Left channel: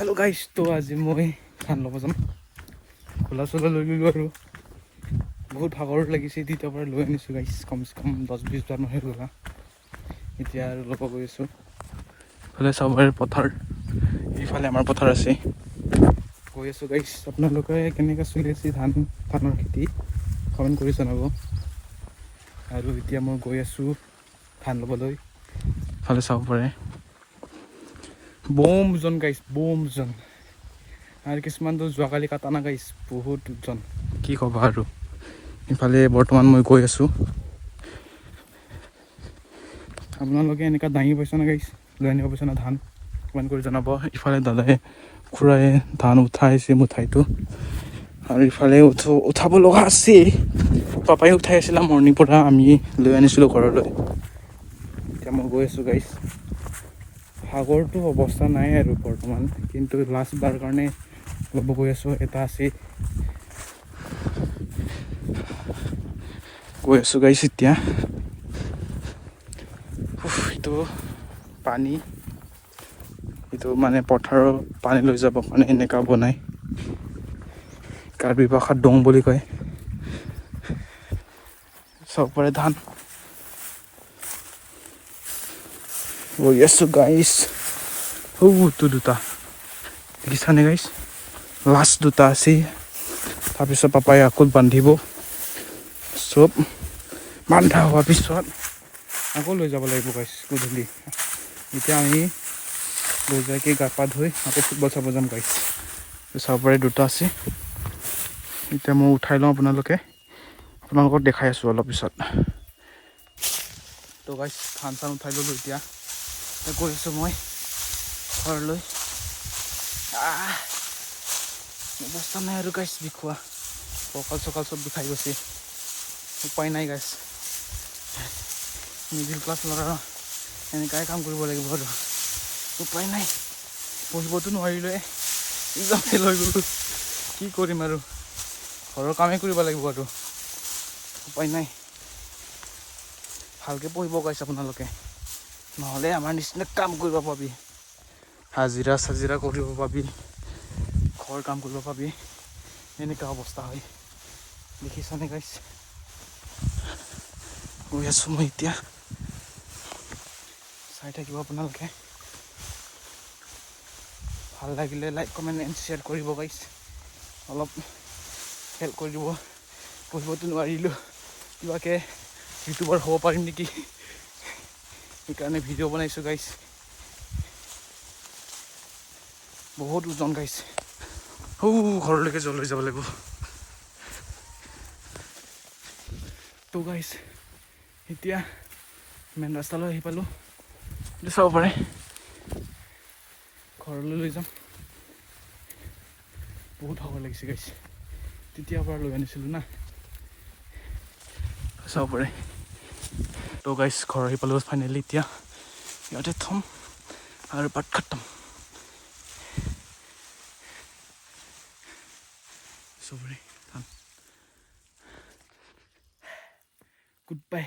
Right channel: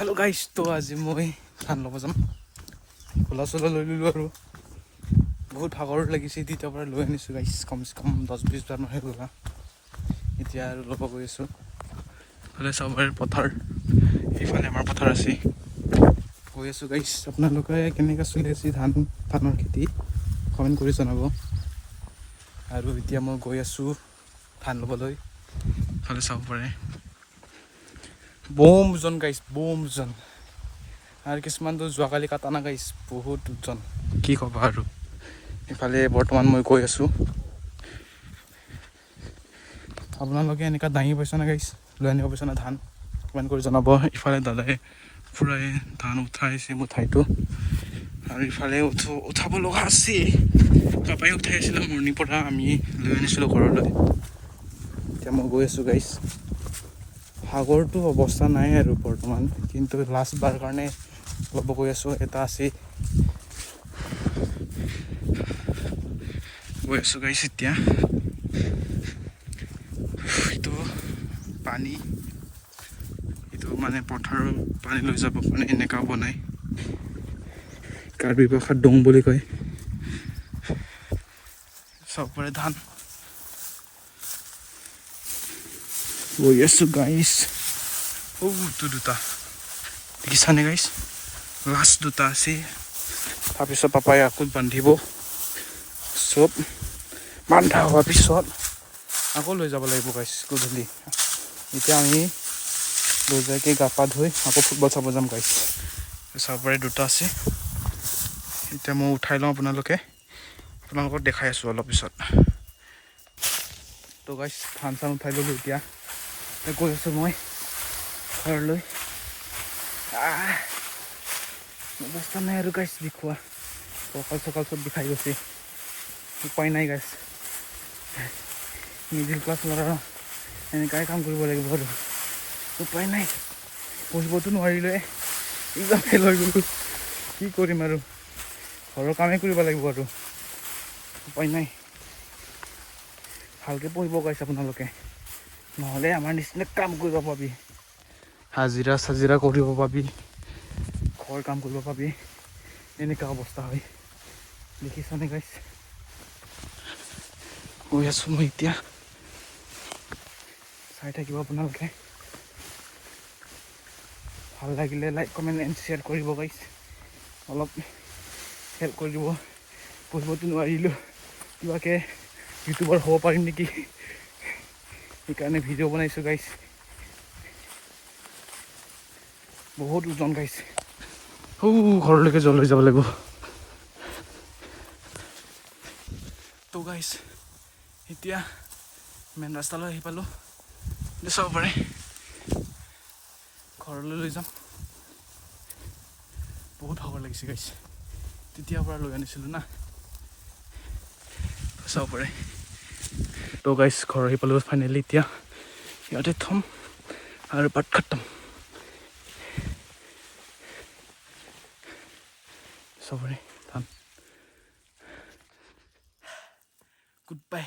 hello guys तो आज मैं धान लब जाम खोला चोला लै लिलो और बहुत भागर लगे द्वितीय लै आनी गाइस कम से कम 10-20 बार मान गला इतना लब गई आसो सबरे पथार इफाले आमार पथार आछे गई आसो गाइस आपनालोके केनेका चलि आछे धाনৰ खेति कमेन्ट কৰি জনাব আৰু এতিয়া মই গৈ আছো ধান লবলৈ ইফালে চাব পাৰে बोमजन गाइस बोमजन और किसमान तो जुआकाली काटा ना गाइस बहुत जन की कबा और इफाले बर्तमान मैं गई आसो आपनालोके एनेका दाङी पाइछ ना गाइस লৈ আনিব পাইছ না ধান কমেন্ট কৰি জনাব ইফালে দাদাই খুৰাই ধান উঠাইছে মুঠাইটো আৰু ইফালে উঠাব লগা আছে পাপাই উঠাই আছিল মৰ্নিং পৰা আমি লৈ আনিছিলো ঘৰলৈ এতিয়া মই গৈ আছো গাইস সাগৰ তো অৱস্থা নাই আৰু বৰ্তমান কিন্তু লাষ্ট বাৰ কাৰণে লব গৈ আছো এটা আছে গৈ আছো গাইস এতিয়া তো পানী ইটো মানে পথাৰৰ পানী লৈ যাব কাৰণে এনেকা বনাই কাৰ্বি ভাষাত ডং বুলি কয় সবৰে ধান গৈ আছো গাইস তো দুটা দেখিছানে গাইস লাষ্ট দুটা আছে তাৰপিছত পাপাই আকৌ বান্ধিব সব বান্ধা হোৱাৰ পিছত আকৌ লৈ যাব লাগিব গাইস গধূলি এতিয়া আমি লৈ যাইকে গা পা ধুই আকৌ ফুটবল চাব যাম গাইস সবৰে দুটা আছে এতিয়া মই উঠাই লওঁ আপোনালোকক দেখাই আছো অলপ পিছত তো গাইস ধান চান উঠাই ললো এতিয়া গৈ আছো মই ঘৰলৈ অৱস্থা নাই আৰু গাইস বিষোৱা কঁকাল চকাল চব বিষাই গৈছে উপায় নাই গাইস মিডিল ক্লাছ ল'ৰা এনেকাই কাম কৰিব লাগিব আৰু উপায় নাই পঢ়িবতো নোৱাৰিলে এক্সাম ফেল হৈ গ'লো কি কৰিম আৰু ঘৰৰ কামেই কৰিব লাগিব আৰু উপায় নাই ভালকে পঢ়িব গাইছ আপোনালোকে নহ'লে আমাৰ নিচিনা কাম কৰিব পাবি হাজিৰা সাজিৰা কৰিব পাবি ঘৰ কাম কৰিব পাবি এনেকা অৱস্থা হয় দেখিছানে গাইছ গৈ আছো মই এতিয়া চাই থাকিব আপোনালোকে ভাল লাগিলে লাইক কমেন্ট এণ্ড শ্বেয়াৰ কৰিব গাইছ অলপ হেল্প কৰি দিব পঢ়িবতো নোৱাৰিলোঁ কিবাকে ইউটিউবাৰ হ'ব পাৰিম নেকি সেইকাৰণে ভিডিঅ' বনাইছোঁ গাইছ বহুত ওজন গাইছ ঘৰলৈকে লৈ যাব লাগিব তো গাইছ এতিয়া মেইন ৰাস্তালৈ আহি পালোঁ চাব পাৰে ঘৰলৈ লৈ যাম বহুত ভাগৰ লাগিছে গাইছ তেতিয়াৰ পৰা লৈ আনিছিলোঁ না চাব পাৰে তো গাইছ ঘৰ আহি পালোঁ ফাইনেলি এতিয়া ইয়াতে থ'ম আৰু পাত খতম চাব পাৰে ধান গুড বাই